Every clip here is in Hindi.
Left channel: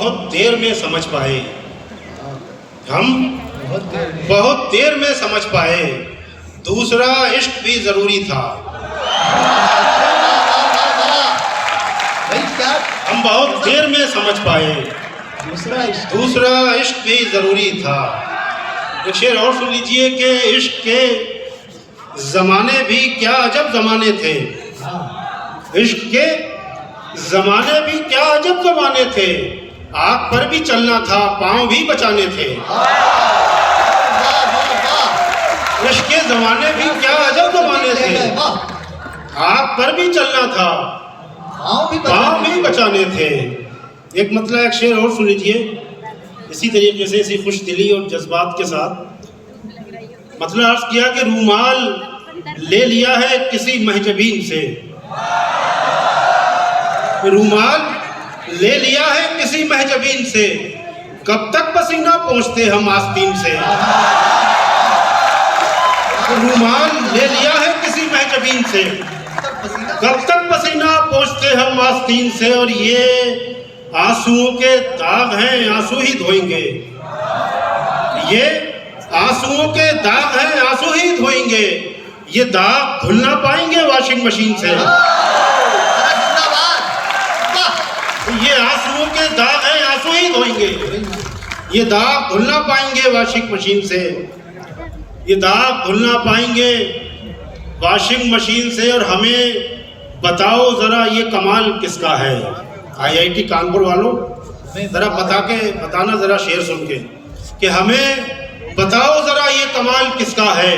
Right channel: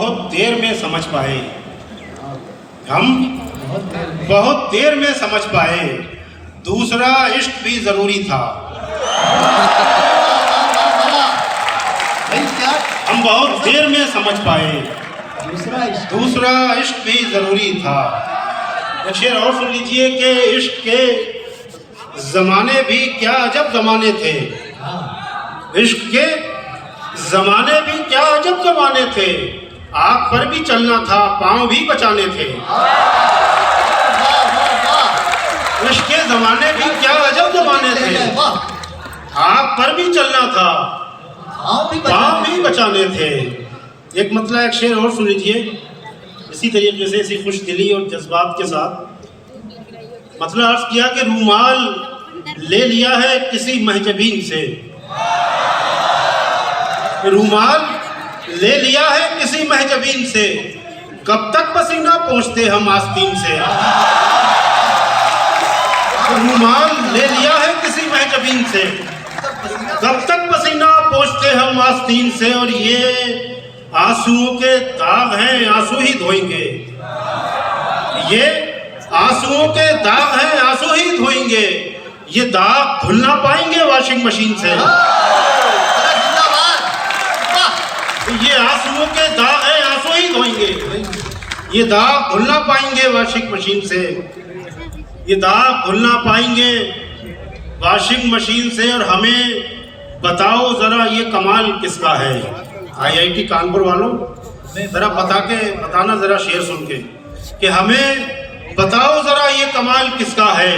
बहुत देर में समझ पाए, हम बहुत देर में समझ पाए, दूसरा इश्क भी जरूरी था। हम बहुत देर में समझ पाए, दूसरा इश्क भी जरूरी था। एक शेर और सुन लीजिए कि इश्क के जमाने भी क्या अजब जमाने थे, इश्क के जमाने भी क्या अजब जमाने थे, आग पर भी चलना था, पांव भी बचाने थे। इश्क के जमाने भी क्या अजब जमाने थे, आग पर भी चलना था, पांव भी बचाने थे। एक मतलब एक शेर और सुन लीजिए इसी तरीके से, इसी खुश दिली और जज्बात के साथ। मतलब अर्ज किया कि रूमाल ले लिया है किसी महजबीन से, रूमाल ले लिया है किसी महजबीन से, कब तक पसीना पोंछते हम आस्तीन से। रूमाल ले लिया है किसी महजबीन से, कब तक पसीना पोंछते हम आस्तीन से। और ये आंसुओं के दाग हैं, आंसू ही धोएंगे, ये आंसुओं के दाग हैं, आंसू ही धोएंगे, ये दाग धुल ना पाएंगे वॉशिंग मशीन से। ये आंसुओं के दाग हैं, आंसू ही धोएंगे, ये दाग धुल ना पाएंगे वॉशिंग मशीन से, ये दाग धुल ना पाएंगे वॉशिंग मशीन से। और हमें बताओ जरा ये कमाल किसका है। IIT कानपुर वालों जरा बताना जरा शेर सुन के कि हमें बताओ जरा ये कमाल किसका है,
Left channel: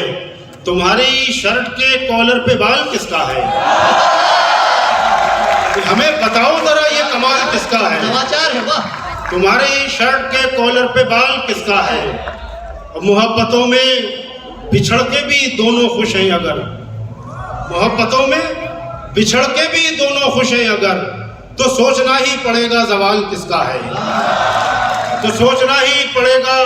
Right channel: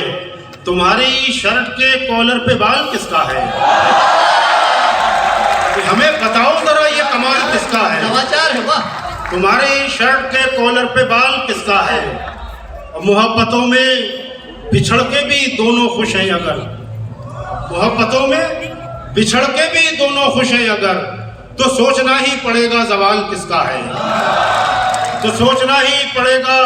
तुम्हारी शर्ट के कॉलर पे बाल किसका है। हमें बताओ जरा ये कमाल किसका है, तुम्हारी शर्ट के कॉलर पे बाल किसका है। और मोहब्बतों में बिछड़ के भी दोनों खुश हैं अगर, मोहब्बतों में बिछड़ के भी दोनों खुश हैं अगर, तो सोचना ही पड़ेगा जवाल किसका है, तो सोचना ही पड़ेगा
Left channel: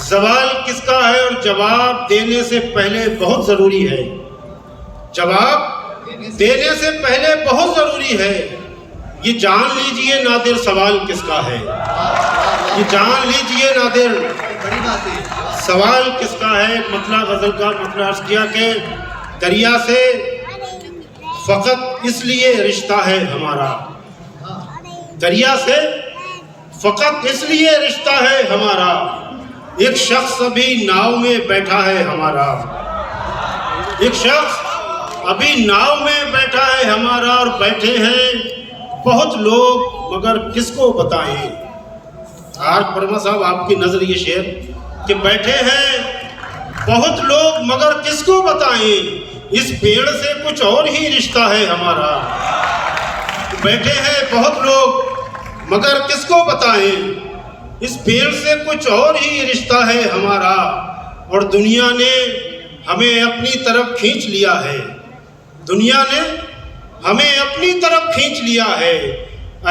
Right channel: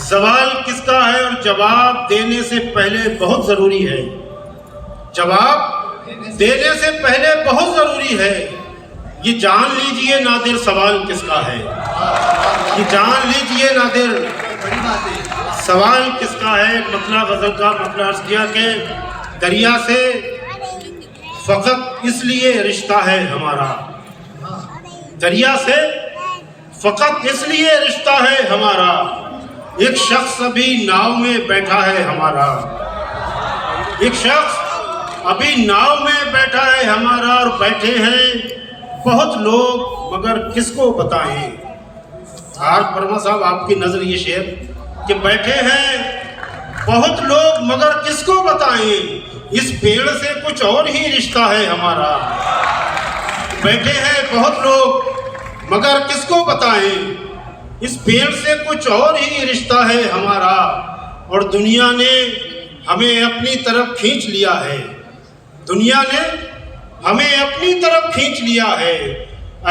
जवाल किसका है। और जवाब देने से पहले बहुत जरूरी है, जवाब देने से पहले बहुत जरूरी है, ये जान लीजिए नादिर सवाल किसका है, ये जान लीजिए नादिर सवाल किसका है। मतलब गजल का मतलब अर्ज किया कि दरिया से फकत इसलिए रिश्ता है हमारा, दरिया से फकत इसलिए रिश्ता है हमारा, एक शख्स अभी नाव में बैठा है हमारा, एक शख्स अभी नाव में बैठा है हमारा। और बैठे हैं बहुत लोग मगर किसको बताएं। आर वर्मा साहब आपकी नजर ये शेर कि बैठे हैं बहुत लोग मगर किसको बताएं, इस पेड़ से कुछ और ही रिश्ता है हमारा। बैठे हैं बहुत लोग मगर किसको बताएं, इस पेड़ से कुछ और ही रिश्ता है हमारा। और दुनिया ने हमें अपनी तरफ खींच लिया है, दुनिया ने हमें अपनी तरफ खींच लिया है,